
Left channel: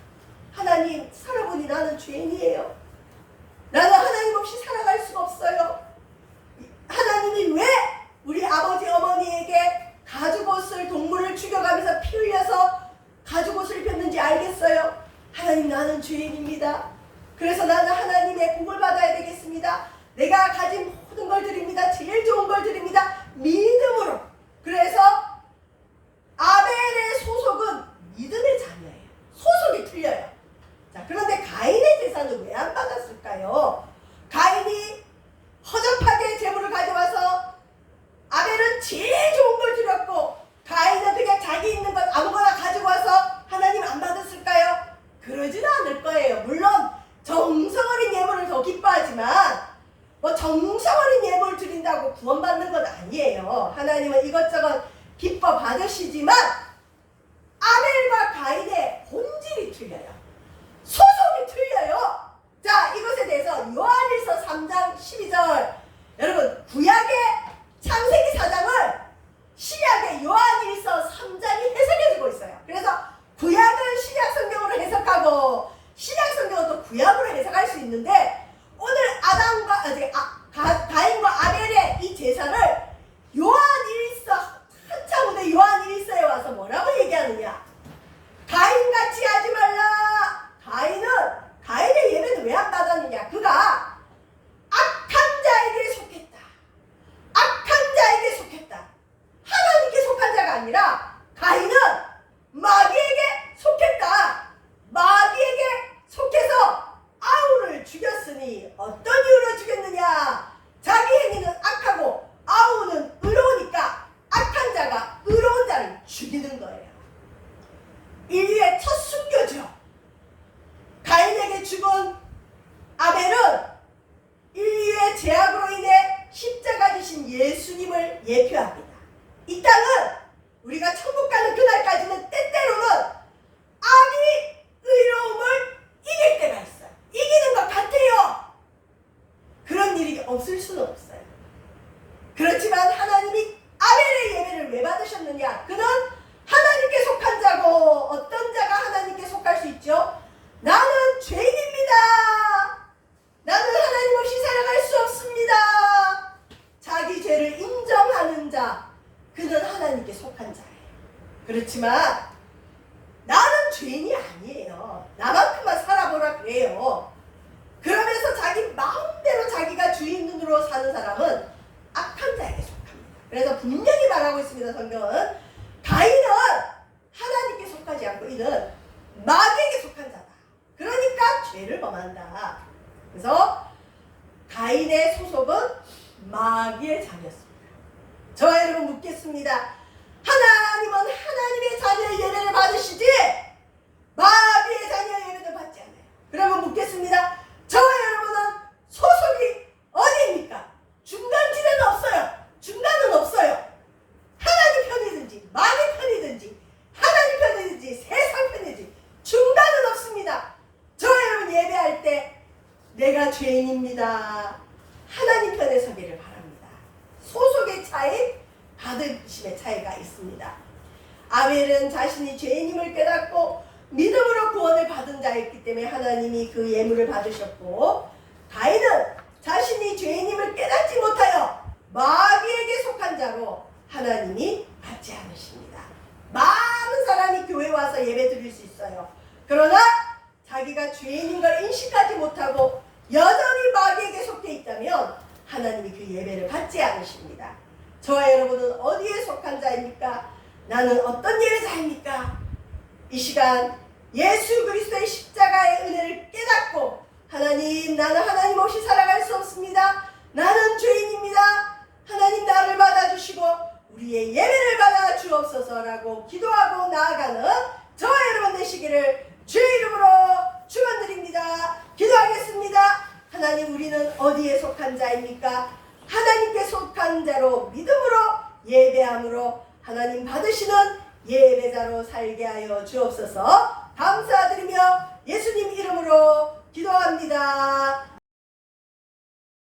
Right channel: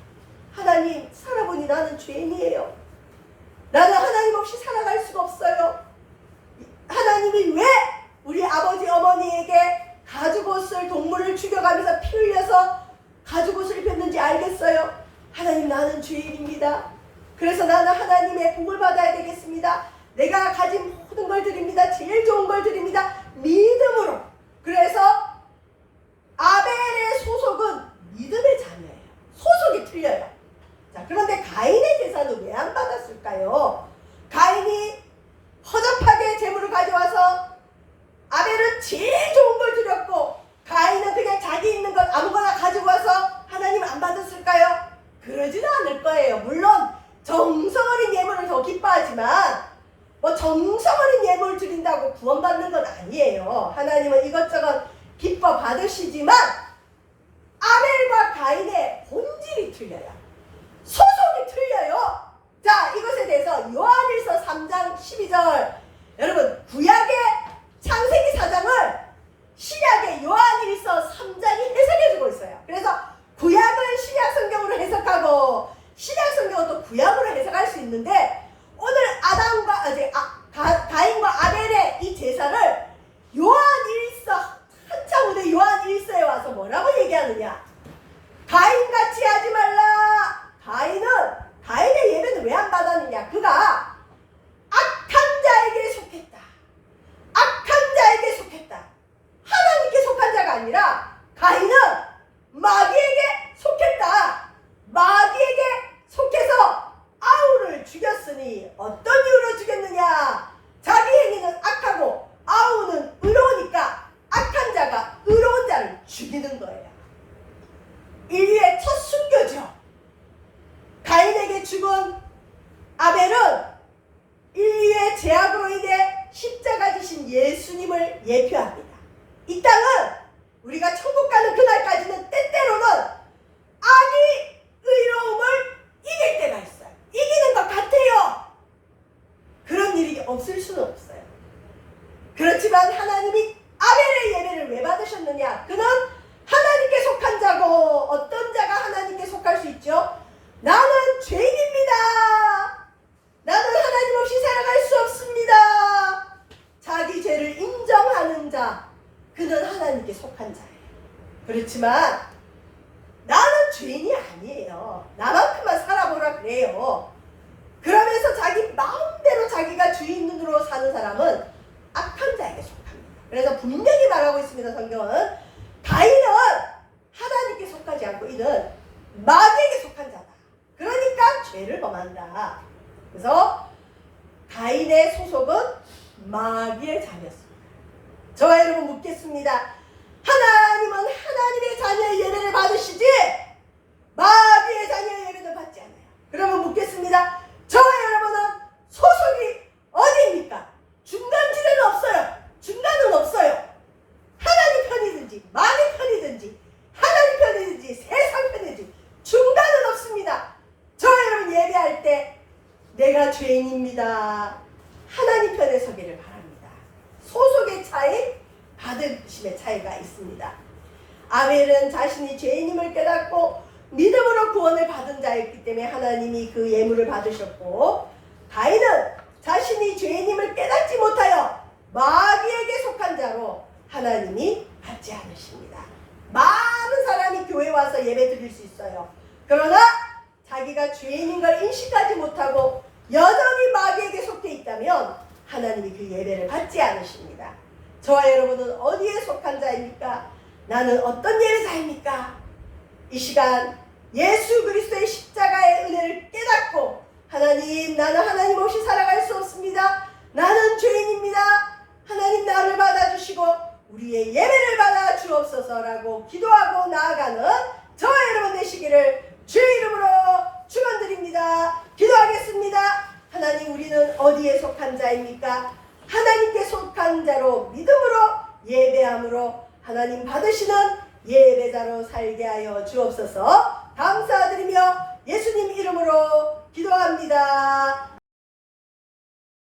하나님, 살아보니 나는 죄인이에요. 나는 하나님 없이 살아갈 수가 없어요. 하나님이 왜 우리 아버지 어머니에게 가죽옷을 동물을 죽여가면서 피 흘려서 가죽옷을 입혔는지 알겠어요? 하나님, 나는 죄인입니다. 그래서 나는 하나님의 복을 받아야 되겠습니다. 내가 가진 모든 걸 드립니다. 제일 좋은 걸 드립니다. 믿음으로. 그래서 아벨의 소속은 믿음의 자녀예요. 소속이 틀려요. 자, 그런데 가인의 제사는 왜 안 받았을까요? 가인이 아니에요. 하나님은 이것저것 기뻐 받으시지만 아벨과 가인의 본질이 틀려요. 소속이 틀려요. 자, 이것에 대해서 요한일서 3장 12절, 여러분 구약의 창세기 4장을 신약의 요한일서 3장이 해석해주고 있어요. 그래서 구약은 신약 성경으로 해석하고 신약 성경은 또 구약으로 해석할 수 있는데, 오늘 가인과 아벨의 이 제사를 요한일서 한참 후에 요한일서에 와서 뭐라고 얘기하느냐? 가인같이 하지 말라. 가인의 예배는 왜 안 받았느냐? 그가 악한 자에게 속했다. 악한 자에게 속했다. 하나님께 속한 자가 아니라 가인은 마귀에게 속했다. 마귀에게 속해서 아우를 죽였으니 어떤 이유로 죽였느냐? 자기 행위는 악하고 아우는 의로우니까 악한 자가 의로운 자를 죽이는 거예요. 인류의 첫 순교죠. 가인에게 죽은 아벨은 인류의 죄악으로 인해 십자가 지신 예수님을 예표합니다. 이 땅은 우리가 천국 가는 그날까지는 때때로는 악이 의로움을 이길 때가 있어요. 이기는 것 같아요. 그런 일이 없을 수는 없어요. 그렇지만 하나님이 아벨의 예배를 왜 받으셨느냐? 그는 하나님께 속한 자고, 어떤 자가 하나님께 속할 수 있죠? 나는 죄인입니다. 나는 하나님 없이 살아갈 수 없습니다. 자기 죄를 인정하는 자, 그는 하나님께 속한 자예요. 그렇지만 나는 죄인이 아니에요. 나만큼만 살아보라 그래요. 그러면서 자기 마음대로 자기가 주인으로 사는 사람은 악한 자에게 속합니다. 그래서 분명히 말하고 있습니다. 성경은 가인은 하나님께 속하지 않고 이는 마귀에게 속한 자다. 그러니까 죄를 범한다. 그래서 가인의 소속은 마귀의 자녀였습니다. 저와 여러분 묻겠습니다. 하나님은 하나님의 자녀의 예배를 받으시지 마귀의 자녀의 예배는 받지 않아요. 그러면 묻겠습니다. 저와 여러분은 소속이 어디입니까? 중간지대는 없어요. 중간은 없어요. 하나님 편이든지 마귀 편이든지 하나님 편이든지 세상 편이든지 중간은 없습니다. 저와 여러분 예배할 때 내가 죄인입니다. 하나님 편에 서기를 바랍니다. 소속의 차이, 받으심의 차이가 있습니다. 아벨은 자신이 죄인임을 깨닫고 믿음으로 구원을 받은 자였기 때문에 하나님이 그 예물을 받으셨고, 가인은 자신이 죄인임을 깨닫지 못하여 마귀에게 속한 자로 하나님이 받지 않으십니다. 많은 사람이 교회 와서 예배 드릴 수 있어요. 그러나 자기가 죄인인 걸 인식하지 못하고 여전히 마귀에게 속해 있다면 하나님이 그 예배를 받지 않으십니다. 저와 여러분은 어디에 속한 자입니까? 나는 어떤 예배자입니까? 이 시간 예수 그리스도의 십자가의 은혜를 깨닫고, 하나님, 나는 하나님 없이 살아갈 수 없습니다. 나는 죄인입니다. 하나님 나를 받아주시고 우리의 예배를 받아 주옵소서라고 기도하고 나아가는 저와 여러분 되시기를 주의 이름으로 축원드립니다. 기도하겠습니다. 하나님, 우리는 어디에 속한 자입니까? 하나님께 속한 자로 믿음으로 예배함으로 하나님 받으시는 예배자로 살게 하여 주옵소서. 감사드리며 예수님 이름으로 기도합니다.